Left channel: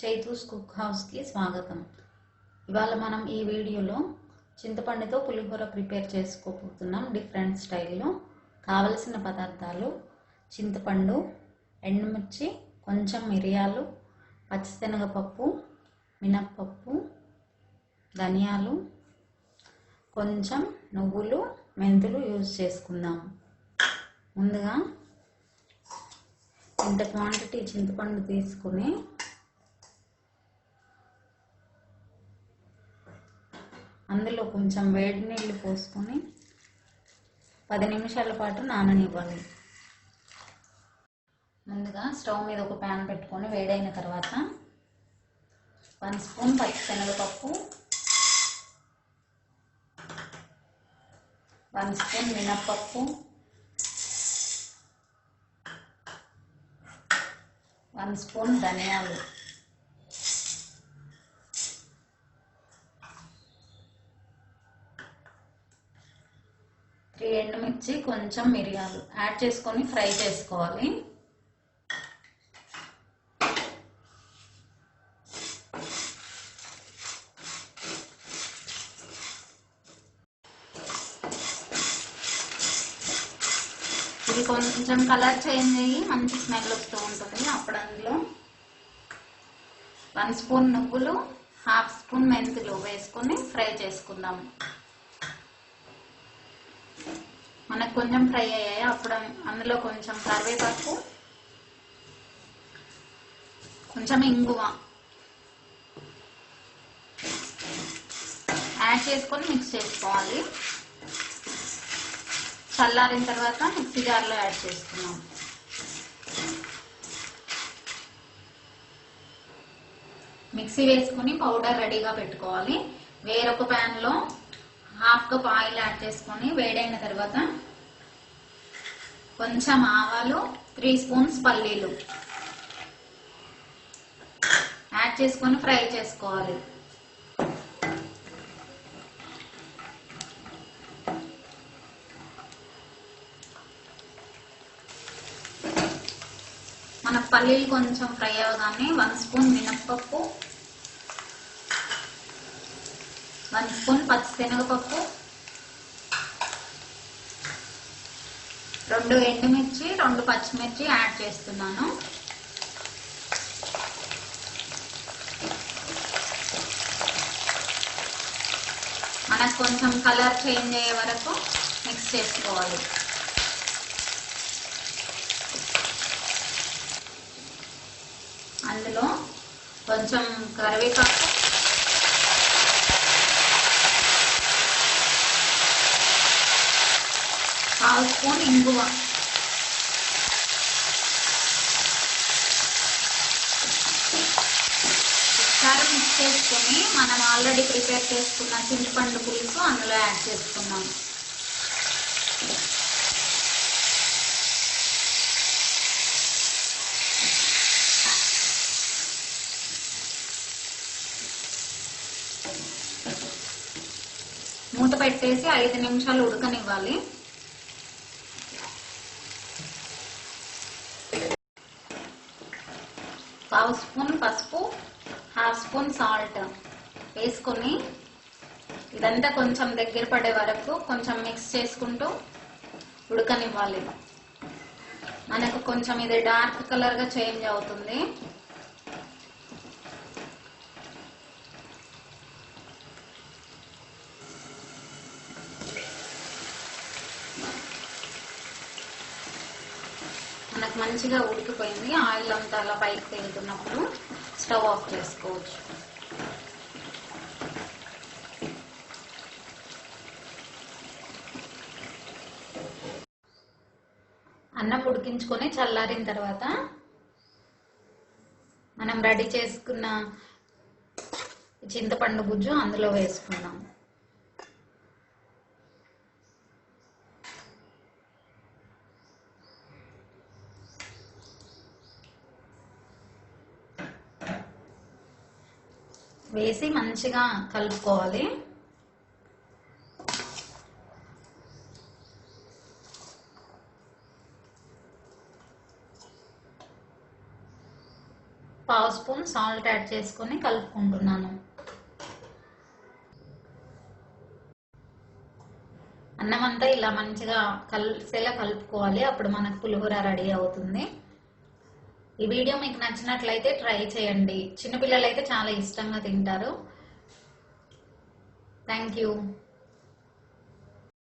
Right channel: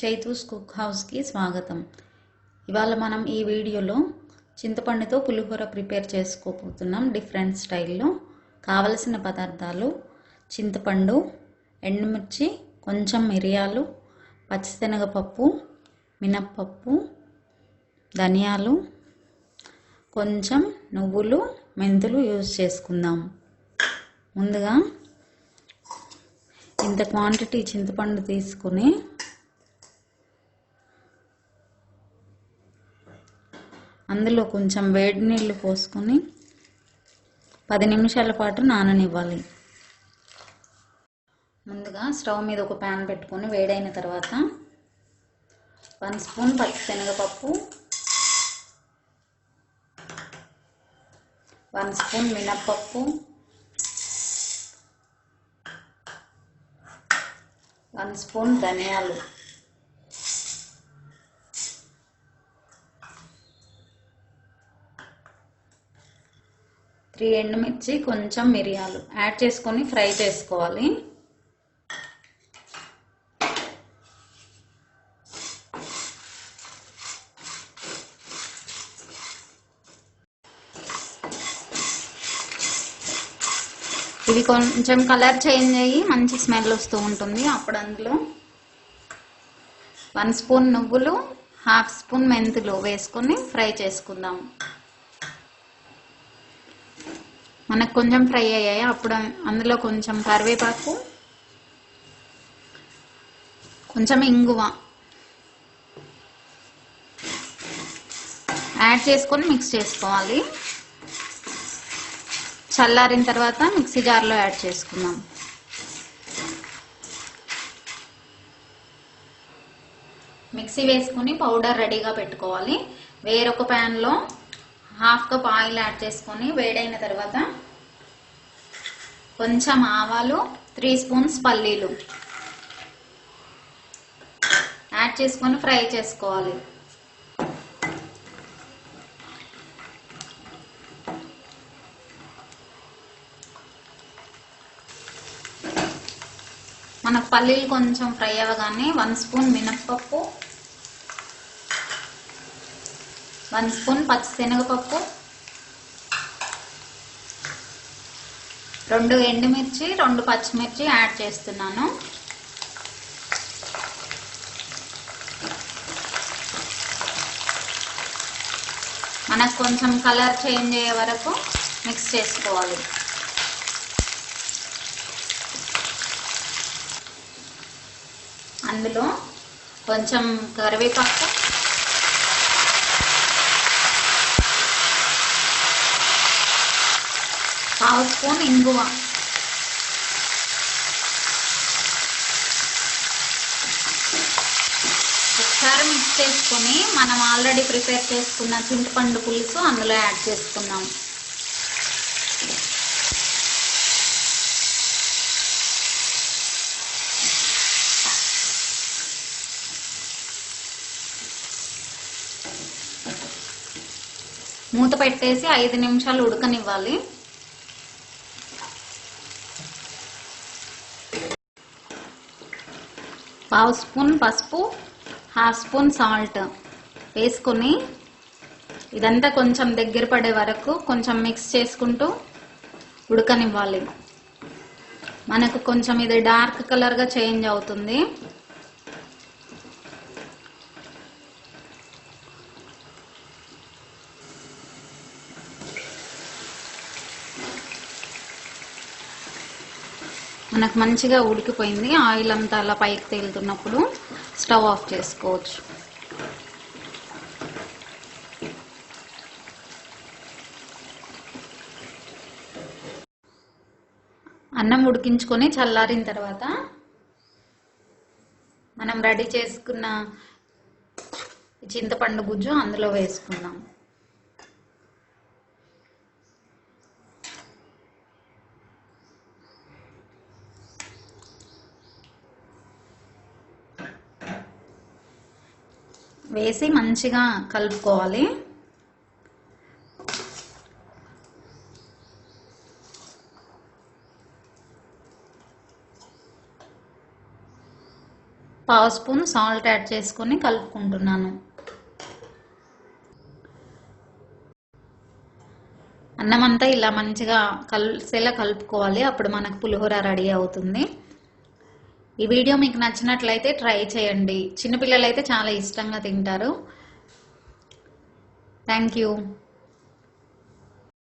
Chaitu's cook హౌస్కి స్వాగతం. ఇవాళ మనం ఈ వీడియోలో చింతపండుతో పులిహోర ప్రిపేర్ చేసుకోబోతున్నాం డిఫరెంట్ స్టైల్లో. కావలసిన పదార్థాలు: చింతపండు, ఎండుమిర్చి, కొంచెం మిరియాలు, పచ్చిశనగపప్పు, మినప్పప్పు, ధనియాలు, కొంచెం నువ్వులు, మెంతులు యూజ్ చేసుకుందాం. ముందుగా ఇంత క్వాంటిటీ చింతపండు తీసుకుని అందులో కొంచెం వేడి నీళ్ళు పోసుకొని 10 నిమిషాల పాటు నాననివ్వాలి. ముందుగా స్టవ్ మీద ఒక ప్యాన్ పెట్టుకొని వేడైన తర్వాత 1 స్పూన్ పచ్చిశనగపప్పు, 1 స్పూన్ మినప్పప్పు, 1 స్పూన్ ధనియాలు, 3 ఎండుమిర్చి, కొంచెం మిరియాలు యాడ్ చేసుకొని ఫ్రై చేసుకోవాలి. ఇవి కొంచెం కలర్ చేంజ్ అయ్యి మంచి స్మెల్ వస్తూ ఉంటుంది. అప్పుడు అందులో 1 స్పూన్ నువ్వులు, 1/2 స్పూన్ మెంతులు వేసుకొని ఫ్రై చేసుకుందాం. మనకు కొంచెం ఫ్రై అయ్యాయి. అప్పుడు అందులో కొంచెం కరివేపాకు, కొంచెం ఇంగువ యాడ్ చేసుకొని మిక్స్ చేసుకోవాలి. చల్లారిన తర్వాత మిక్సీ జార్లో యాడ్ చేసుకుందాం. మిక్సీ వేసుకొని పౌడర్ రెడీగా పెట్టుకోవాలి. వేరొక ప్యాన్లో 1/2 కప్ ఆయిల్ యాడ్ చేసుకొని వేడైన తర్వాత కొంచెం ఆవాలు, 3 స్పూన్స్ పల్లీలు యాడ్ చేసుకొని ఫ్రై చేసుకోవాలి. మన పల్లీలు కొంచెం ఫ్రై అవ్వగానే 1 స్పూన్ మినప్పప్పు, 1 స్పూన్ పచ్చిశనగపప్పు, 2 ఎండుమిర్చి, 2 పచ్చిమిర్చి యాడ్ చేస్తున్నాను. మనకు కొంచెం కలర్ చేంజ్ అయ్యే వరకు మిక్స్ చేసుకోవాలి. అందులో కొంచెం కరివేపాకు, 1/2 స్పూన్ ఇంగువ, ఒకసారి మిక్స్ చేసుకొని మనం ఆల్రెడీ ప్రిపేర్ చేసుకున్న చింతపండు పులుసు అందులో యాడ్ చేసుకున్నాం. మూత పెట్టేసి 5 నిమిషాలు ఉడకనివ్వాలి. పావు స్పూన్ పసుపు, 1/2 స్పూన్ సాల్ట్ వేసుకొని ఇదంతా కొంచెం దగ్గర పడే వరకు కొంచెం మిక్స్ చేసుకుంటూ ఉడకనివ్వాలి. మనకు కొంచెం ఇది డార్క్ కలర్గా చేంజ్ అవుతుంది. మనకు మంచిగా ఉడికిపోయింది. ఆయిల్ అంతా అలా పైకి తేలుతున్నప్పుడు స్టవ్ ఆఫ్ చేసుకోవచ్చు. అన్నం ఉడికించుకొని చల్లారిన తర్వాత మనం రెడీ చేసుకున్న చింతపండు గుజ్జు అందులో వేసుకున్నాం. వేసి మంచిగా కలుపుకోవాలి. పావు స్పూన్ సాల్ట్ యాడ్ చేసుకొని కలుపుకుంటున్నాను. అన్నం అంతా ఇలా మంచిగా కలిసేలా కలుపుకోవాలి, అప్పుడు మనకు పులిహోర రెడీ అవుతుంది. ఈ వీడియో మీకు నచ్చినట్లయితే ట్రై చేయండి. చిన్నపిల్లలు అయితే చాలా ఇష్టంగా తింటారు. Thank you.